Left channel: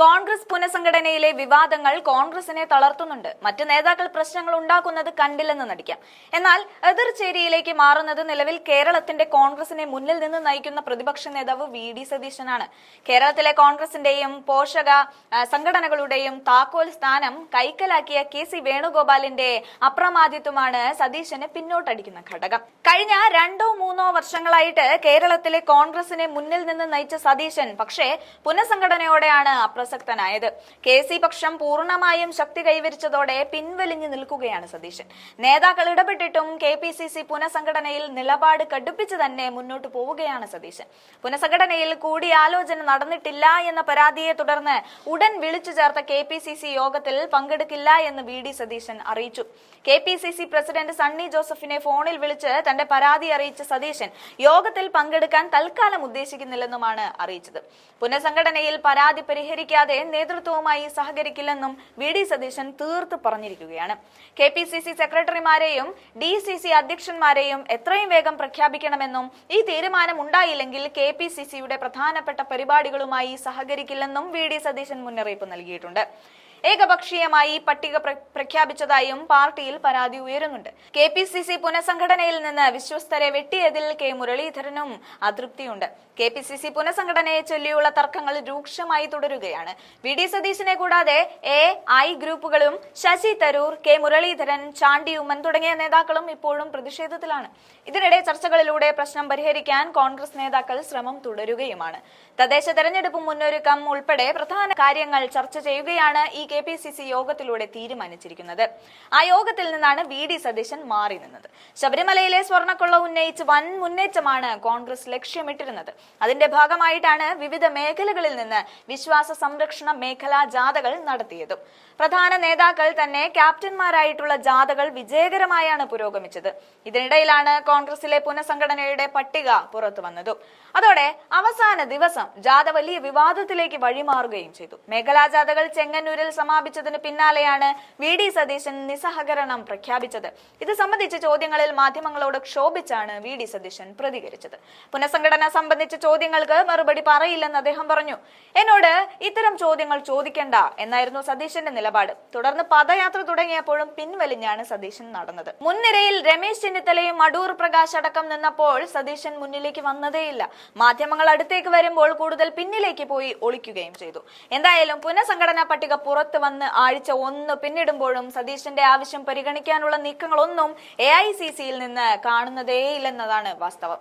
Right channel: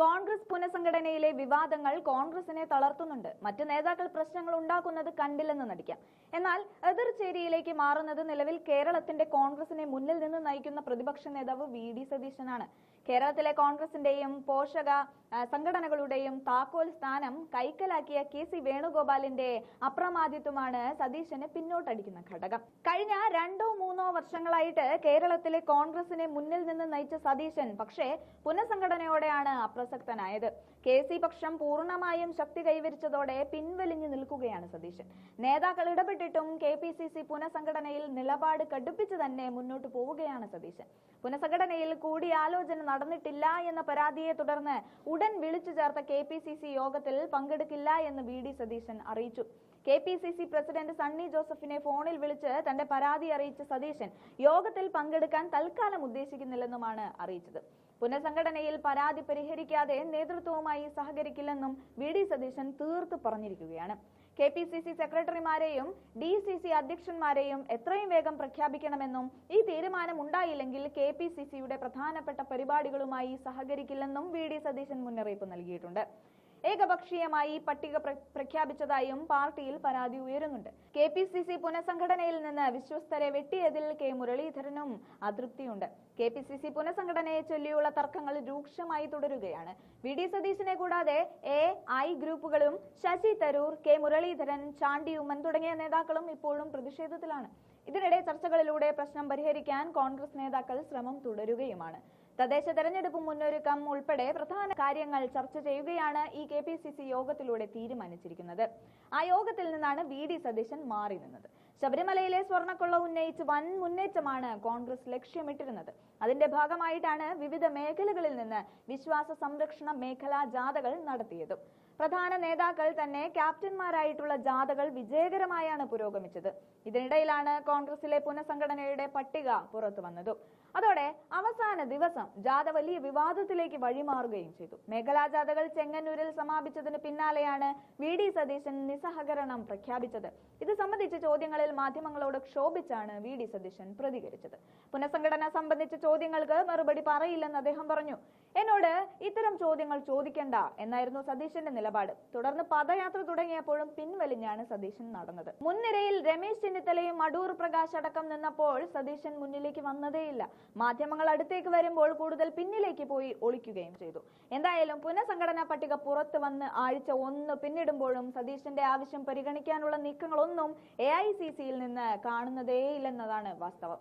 കോൺഗ്രസ് പുനഃസംഘടനയിലെ വിവാദങ്ങൾ കോൺഗ്രസിനെ തളർത്തുന്നുണ്ട്. മറ്റു നേതാക്കൾ പ്രശ്നങ്ങൾ ഉണ്ടാക്കുന്നത് കണ്ടില്ലെന്ന് നടിക്കാം. എന്നാൽ എതിർചേരിയിലേക്ക് മാറുന്നത് നിലവിൽ കേരളത്തിന്റെ കോൺഗ്രസിനെ മുന്നിൽ നിന്ന് നയിക്കുന്ന പ്രതിപക്ഷ നേതാവ് VD സതീശനാണ്. കേരളത്തിലെ കോൺഗ്രസിന്റെയും പോഷക സംഘടനകളുടെയും താക്കോൽ സ്ഥാനം കൈക്കലാക്കിയ KC വേണുഗോപാലിന്റെ അപ്രമാദിത്വമാണ് സതീശന് പിന്നോട്ടടിക്കുന്ന ഘടകം. കഴിഞ്ഞ 2-3 വർഷങ്ങളായിട്ട് കേരളത്തിലെ കോൺഗ്രസിനെ മുന്നിൽ നിന്ന് നയിച്ച സതീശൻ പക്ഷേ പുനഃസംഘടനയോടെയാണ് അപ്രസക്തനായത്. KC പക്ഷം പൂർണ്ണമായും ശക്തി കൈവരിച്ചതോടെ പിൻവലിഞ്ഞു നിൽക്കുകയാണ് സതീശൻ. നേതാക്കൾ ഇടപെട്ടിട്ടും KPCC പുനഃസംഘടനയിൽ നിലപാട് കടുപ്പിച്ച് തന്നെ മുന്നോട്ട് പോവുകയാണ് സതീശൻ. പുനഃസംഘടനയിൽ കൂടിയാലോചന നടന്നിട്ടില്ല എന്ന പരാതിയെ തുടർന്ന് ഉടൻ വിളിച്ചു ചേർത്ത KPCC യോഗത്തിൽ പങ്കെടുക്കില്ല എന്ന് VD സതീശൻ അറിയിച്ചു. KPCC പ്രസിഡന്റ് സണ്ണി ജോസഫിനെ ഫോണിൽ വിളിച്ച് തന്റെ പരാതി അറിയിച്ച സതീശൻ യോഗത്തിൽ പങ്കെടുക്കാൻ തൽക്കാലം ഉദ്ദേശിക്കുന്നില്ലെന്നുമാണ് അറിയിച്ചത്. പുനഃസംഘടനയിൽ പരാതി പരിഹരിക്കാതെ നേതൃത്വവുമായി സഹകരിക്കില്ലെന്നും VD സതീശൻ തീർത്ത് പറഞ്ഞിരിക്കുകയാണ്. KPCC സെക്രട്ടറിമാരെയും DCC അധ്യക്ഷന്മാരെയും എത്രയും വേഗം പ്രഖ്യാപിക്കണമെന്നും ഈ തീരുമാനം ഉണ്ടായില്ലെങ്കിൽ KPCCയുടെ പ്രധാനപ്പെട്ട പരിപാടികളുമായി സഹകരിക്കില്ലെന്നും VD സതീശൻ മുന്നറിയിപ്പ് നൽകിയിട്ടുണ്ട്. ഏകപക്ഷീയമായി പട്ടിക പ്രഖ്യാപിച്ചതായും പാർട്ടിയിൽ പരാതി ഉയരുന്നുണ്ട്. KPCC പുനഃസംഘടനയിൽ നിന്ന് വിശ്വസ്തരെ വെട്ടിയതിൽ K മുരളീധരനും അതൃപ്തിയുണ്ട്. KPCC പുനഃസംഘടനയെ ചൊല്ലിയുള്ള തർക്കങ്ങൾ രൂക്ഷമായി തുടരുകയാണ്. VD സതീശനെ കൂടാതെ AI ഗ്രൂപ്പുകളും ശശി തരൂർ, K മുരളീധരൻ, ചാണ്ടി ഉമ്മൻ തുടങ്ങിയ നേതാക്കളും ഇപ്പോഴും പ്രതിഷേധത്തിലാണ്. ഇതിനിടെ ചർച്ചകളിലൂടെ പ്രശ്നം പരിഹരിക്കാൻ കോൺഗ്രസ് നേതാക്കൾ ശ്രമം തുടരുകയുമാണ്. തദ്ദേശ തെരഞ്ഞെടുപ്പ് മുന്നൊരുക്കം ഉൾപ്പെടെ പ്രധാന കാര്യങ്ങൾ ചർച്ച ചെയ്യുകയാണ് ഈ KPCC യോഗത്തിലൂടെ തീരുമാനിച്ചിരിക്കുന്നത്. ആ യോഗത്തിൽ നിന്നാണ് VD സതീശൻ മാറി നിന്നത്. ശബരിമലയിലെ സ്വർണ്ണക്കൊള്ള ഉന്നയിച്ച് വൻ മുന്നേറ്റമാണ് കോൺഗ്രസ് ലക്ഷ്യമിട്ടിരുന്നത്. അതിന്റെ ഭാഗമായിട്ടാണ് വിവിധ മേഖലകളിൽ നിന്ന് വിശ്വാസ സംരക്ഷണ മേഖലാ ജാഥകൾ നടത്തിയതും. പ്രധാന നേതാക്കൾ തന്നെ ക്യാപ്റ്റന്മാരായിട്ടുള്ള ജാഥകൾ വിജയകരമായാണ് പുരോഗമിച്ചത്. ഇതിനിടയിലാണ് കോൺഗ്രസിലെ പുനഃസംഘടനയുടെ പട്ടിക പുറത്തു വന്നതും. അതോടെ അവസാന ദിവസം ജാഥ വലിയ വിവാദത്തിലേക്ക് വഴിമാറുകയും ചെയ്തു. മേഖലാ ജാഥകൾ ചെങ്ങന്നൂരിൽ സമാപിച്ചതിന് പിന്നാലെയാണ് VD സതീശൻ നിസ്സഹകരണം പ്രഖ്യാപിച്ചത്. ഇത് സംബന്ധിച്ച ചോദ്യങ്ങളിൽ മാധ്യമങ്ങളോട് ക്ഷോഭിച്ചാണ് VD സതീശൻ പ്രതികരിച്ചത്. പുനഃസംഘടന സംബന്ധിച്ച ചോദ്യങ്ങൾക്ക് മറുപടി പറയില്ലെന്ന് അദ്ദേഹം പറഞ്ഞു. എന്നോട് ഇത്തരം ചോദ്യങ്ങൾ ചോദിക്കേണ്ട എന്നായിരുന്നു സതീശന്റെ നിലപാട്. തുടർന്ന് പദയാത്ര തുടങ്ങിയപ്പോഴും പിൻവലിഞ്ഞാണ് സതീശൻ നടന്നത്. മുൻനിരയിൽ രമേശ് ചെന്നിത്തലയും അടൂർ പ്രകാശ് അടക്കം നിന്നപ്പോൾ സതീശൻ മുന്നിലേക്ക് വന്നതേയില്ല. മാധ്യമങ്ങൾ അടുത്തേക്ക് വരുമ്പോൾ കൂടുതൽ പിന്നിലേക്ക് പോയി ഒളിക്കുകയും ചെയ്തു. എന്തായാലും പുനഃസംഘടനാ പട്ടിക പുറത്തു വന്ന് ആഴ്ച 1 പിന്നിടുമ്പോഴും സതീശന്റെ ആവശ്യം പരിഗണിക്കാനുള്ള നീക്കങ്ങളൊന്നും AICCയിൽ നിന്ന് കാണുന്നതേയില്ലെന്നതാണ് വാസ്തവം.